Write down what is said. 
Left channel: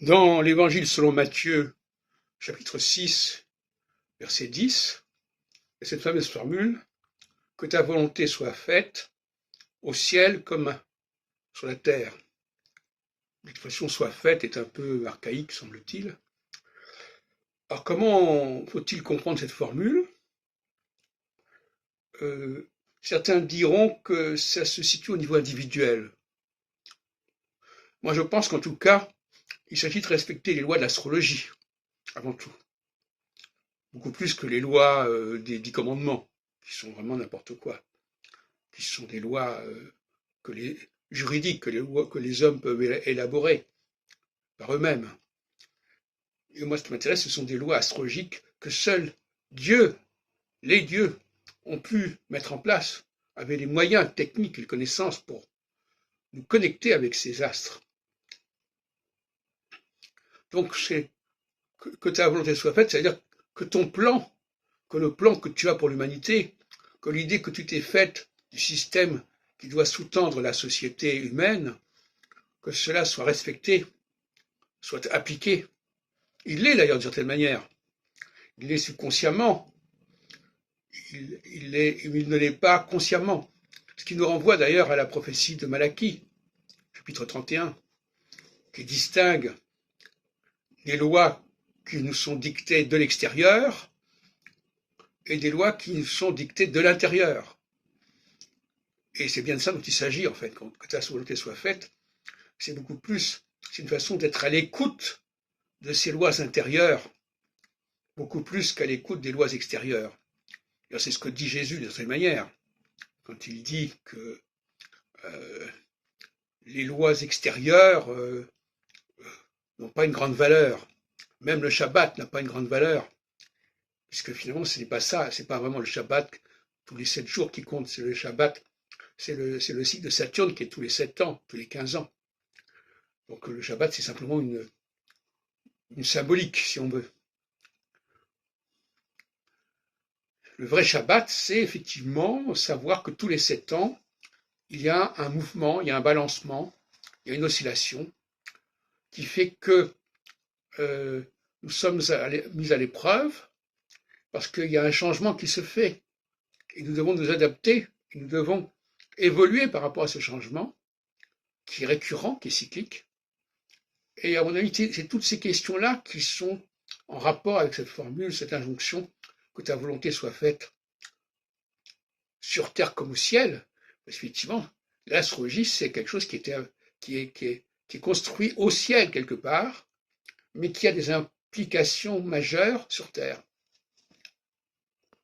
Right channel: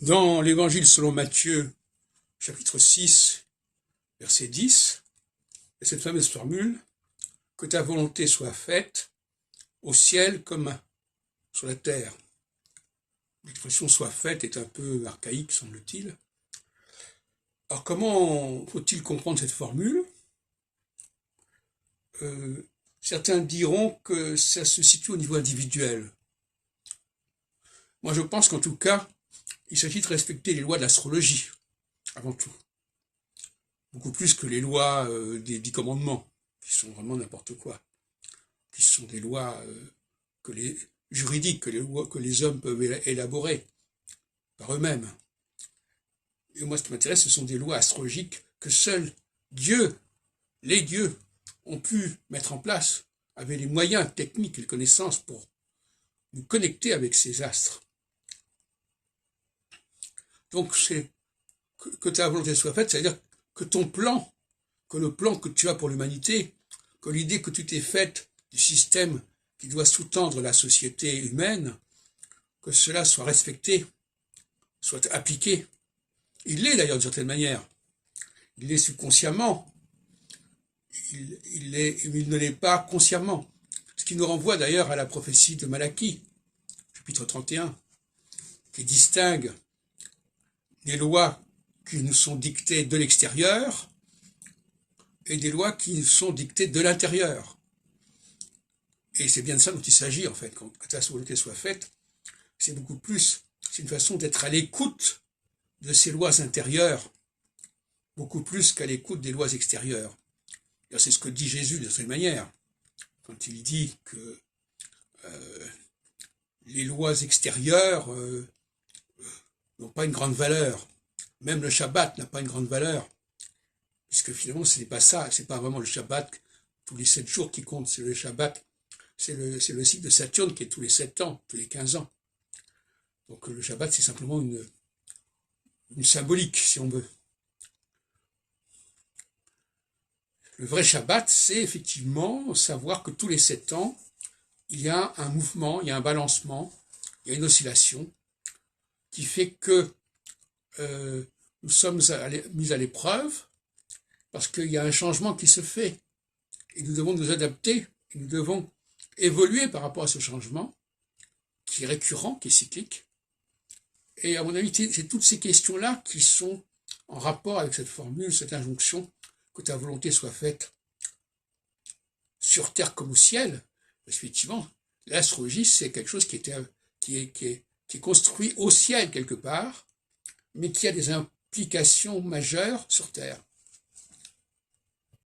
Dans l'Évangile selon Matthieu, chapitre 6, verset 10, il y a cette fameuse formule « Que ta volonté soit faite au ciel comme sur la terre ». L'expression « soit faite » est un peu archaïque, semble-t-il. Alors comment faut-il comprendre cette formule? Certains diront que ça se situe au niveau individuel. Moi je pense qu'en tout cas, il s'agit de respecter les lois de l'astrologie, avant tout. Beaucoup plus que les lois des 10 commandements, qui sont vraiment n'importe quoi, qui sont des lois juridiques que les hommes peuvent élaborer par eux-mêmes. Et moi, ce qui m'intéresse, ce sont des lois astrologiques que seuls les dieux, ont pu mettre en place, avaient les moyens techniques et les connaissances pour nous connecter avec ces astres. Donc, c'est que ta volonté soit faite, c'est-à-dire que ton plan, que le plan que tu as pour l'humanité, que l'idée que tu t'es faite du système qui doit sous-tendre la société humaine, que cela soit respecté, soit appliqué. Il l'est d'ailleurs d'une certaine manière. Il l'est subconsciemment. Il ne l'est pas consciemment. Ce qui nous renvoie d'ailleurs à la prophétie de Malachie, chapitre 31, qui distingue les lois qui nous sont dictées de l'extérieur et des lois qui nous sont dictées de l'intérieur. Et c'est bien de ça dont il s'agit, en fait, que ta volonté soit faite. C'est beaucoup plus, c'est une façon d'être à l'écoute de ces lois intérieures, beaucoup plus qu'à l'écoute des lois extérieures. C'est ce que dit Jésus de cette manière, quand il dit que les lois extérieures n'ont pas une grande valeur. Même le Shabbat n'a pas une grande valeur, puisque finalement ce n'est pas ça, c'est pas vraiment le Shabbat, tous les 7 jours qui comptent, c'est le Shabbat, c'est le cycle de Saturne qui est tous les 7 ans, tous les 15 ans. Donc le Shabbat c'est simplement une symbolique, si on veut. Le vrai Shabbat, c'est effectivement savoir que tous les 7 ans, il y a un mouvement, il y a un balancement, il y a une oscillation qui fait que nous sommes mis à l'épreuve parce qu'il y a un changement qui se fait et nous devons nous adapter, et nous devons évoluer par rapport à ce changement qui est récurrent, qui est cyclique. Et à mon avis, c'est toutes ces questions-là qui sont en rapport avec cette formule, cette injonction, que ta volonté soit faite sur terre comme au ciel. Parce qu'effectivement, l'astrologie, c'est quelque chose qui est construit au ciel quelque part, mais qui a des implications majeures sur terre.